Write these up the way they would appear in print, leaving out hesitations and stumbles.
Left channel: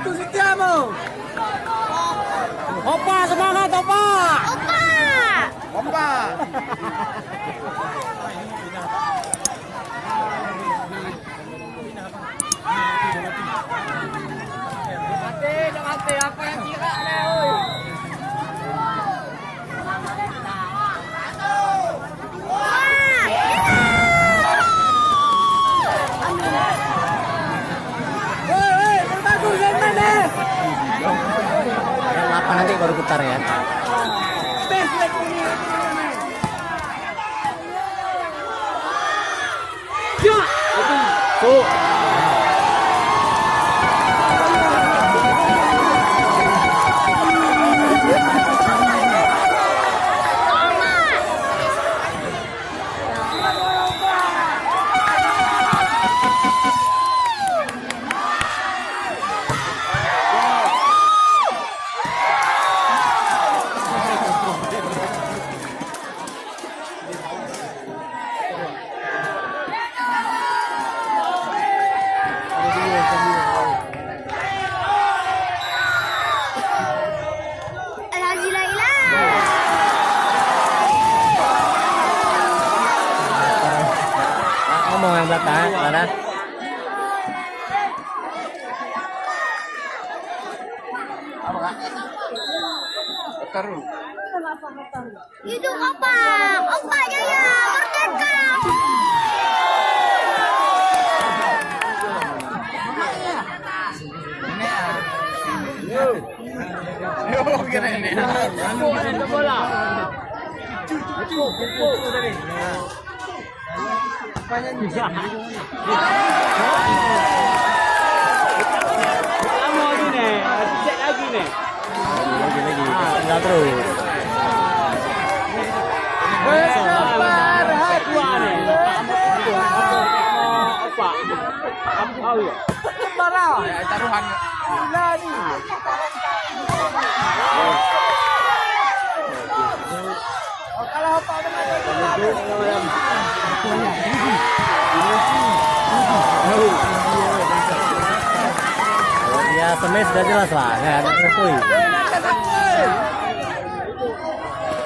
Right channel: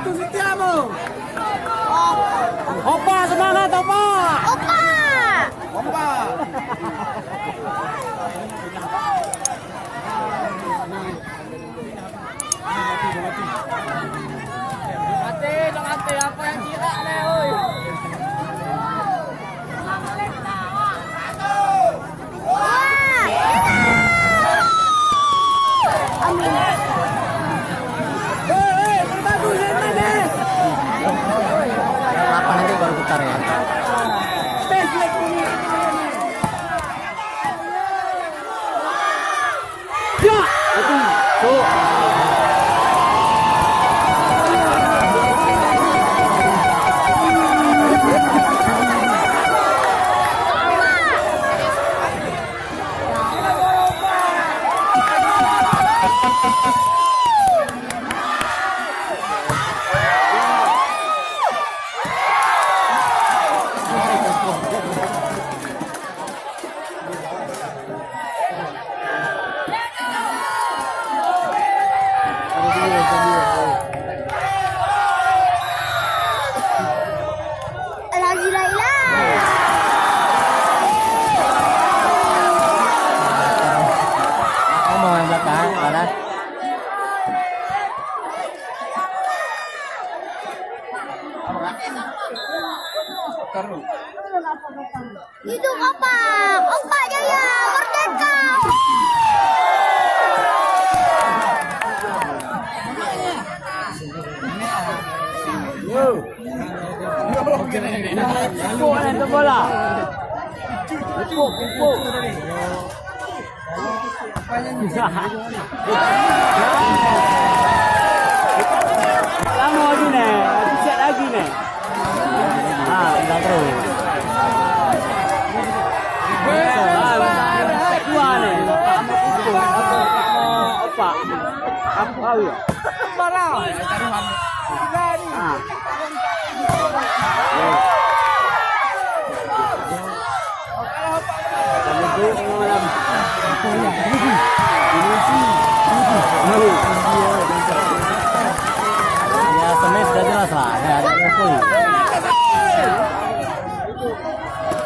Itu setiamu. Opa, semangat Opa. Opa. Opa. Mati, apa yang kira nih, oi? Wah. Amin. Apa nanti baru putar ya? Hidup Opa. Opa Jaya merdeka. Lagi nih, cek lagi nih. Terus. Ya, semes sudah jelas lah, nggak ada ngumpul.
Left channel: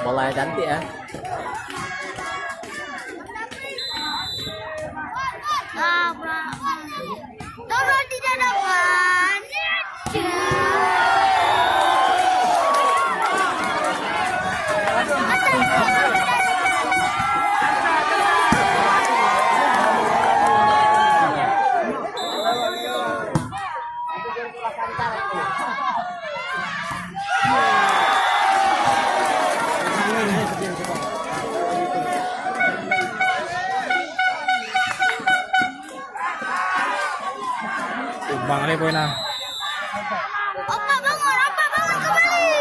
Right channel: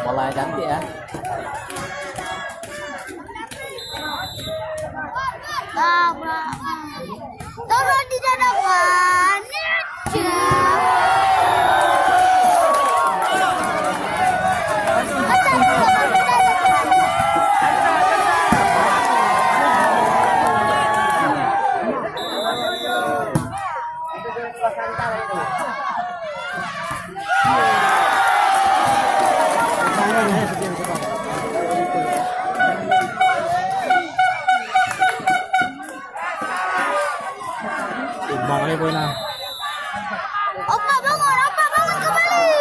Bolanya cantik ya. Tolong dijadikan. Bang Ali poin lah. Opa bangun kembali.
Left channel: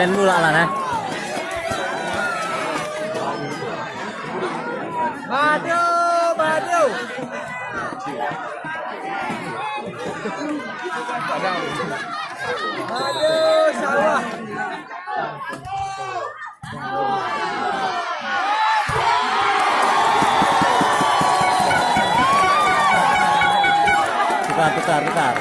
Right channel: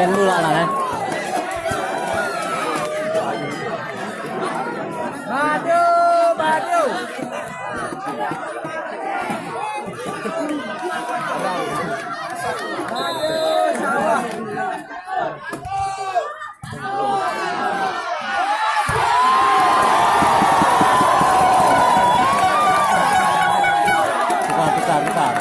Lên mưa lại nè. Badu. Aduh, salah. Tukar.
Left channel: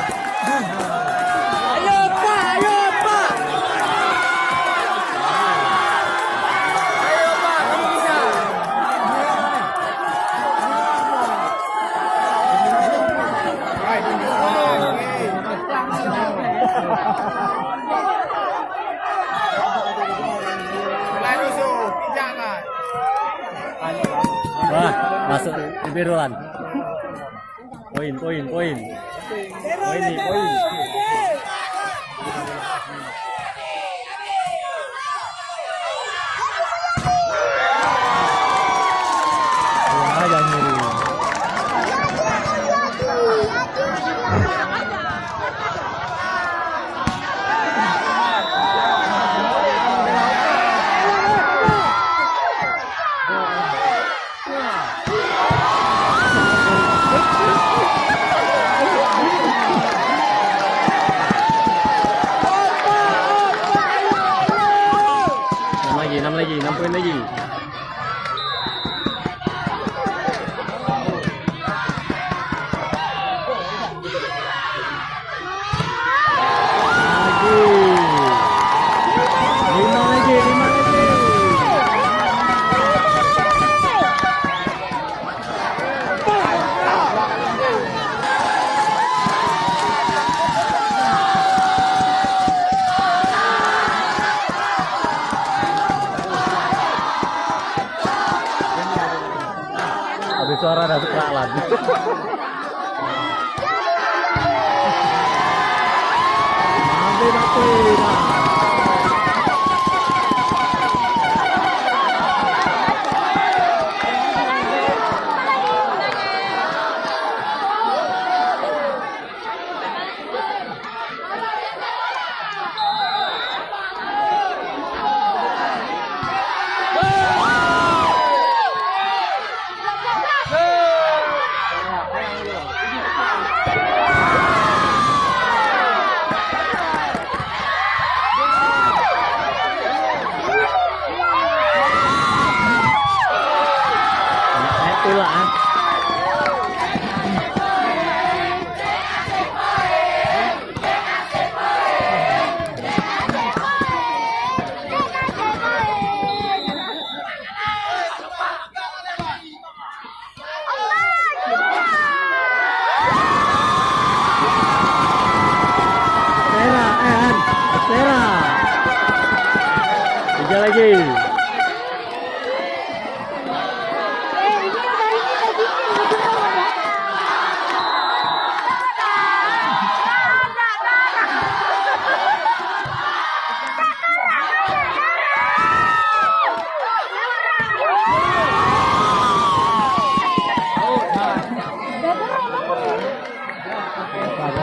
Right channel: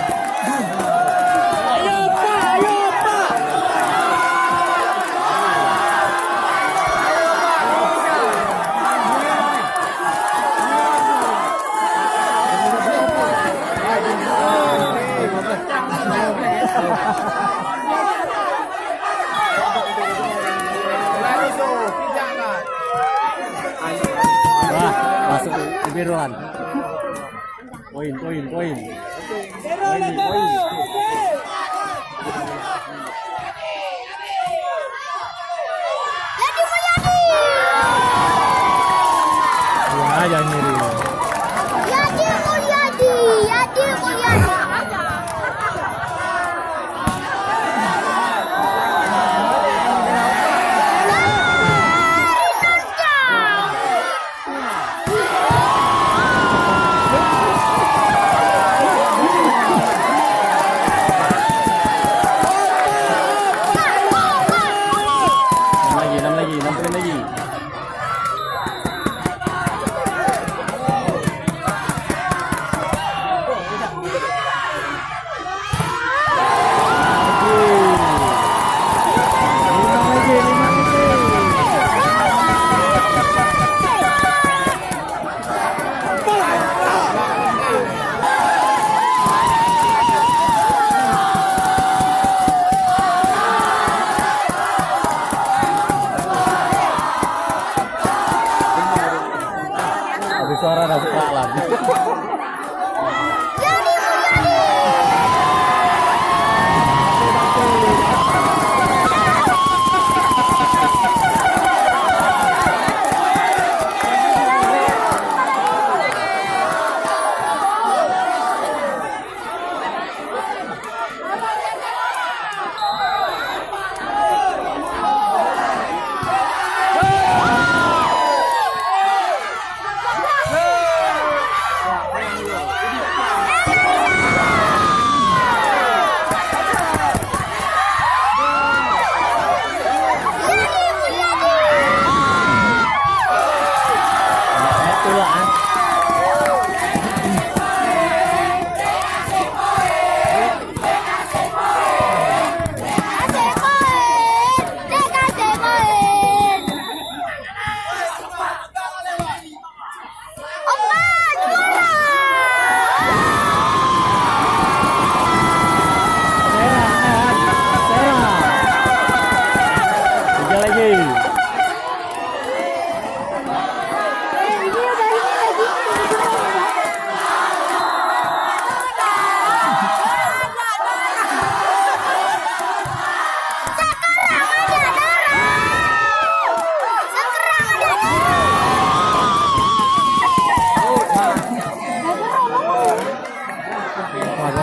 Ayo Pak. Wah, masuk ke biruan. Poin, poin, poin. Tero, Poin, tero. poin. Jadi Mulyadi. Buang aja nyeri. Yadi Mulyadi. Yadi Mulyadi. Enam lagi, 6 poin lagi. Aduh. 5 lagi, 5 lagi. Ada suara dah suka lagi. Itulah. Serah, serah. 3 lagi.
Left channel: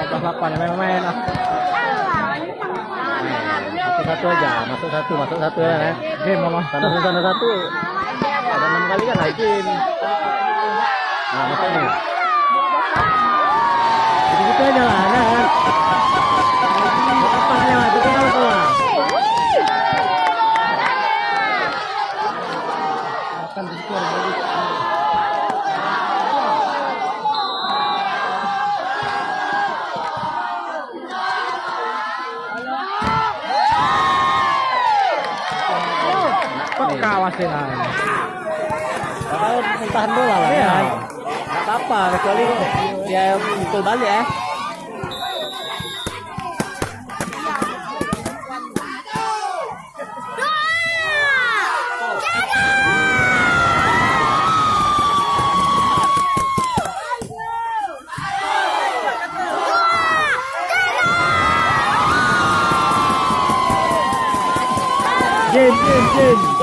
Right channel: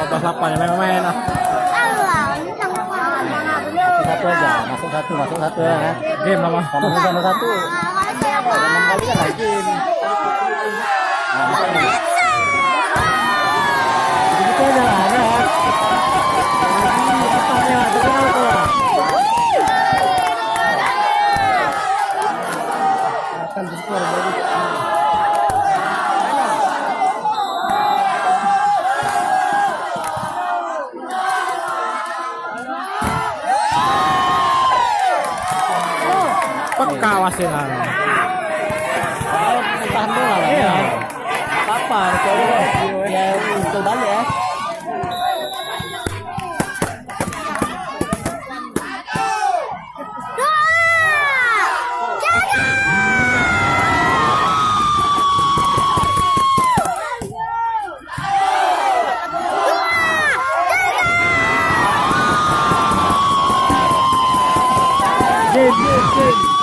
Pas 8 ya main-main ah. Satu aja, masuk satu ya. Game mama, tanda satu. Ada 6 kali kan lagi. Nah, masuk nih. Gitu aja lah, ya. Apa-apanya, itu out lah. Akan skor bagus. Peka wasit. Kalau tahan bola lah. Iya. Apa? Kecuali ya untuk balik ya. Game.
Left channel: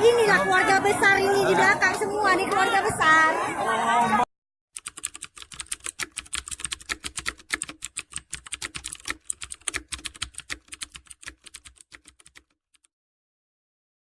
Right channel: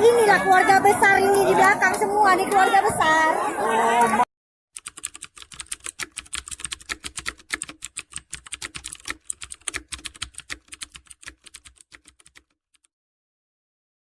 Inilah keluarga besar ini di belakang semua, ini keluarga besar.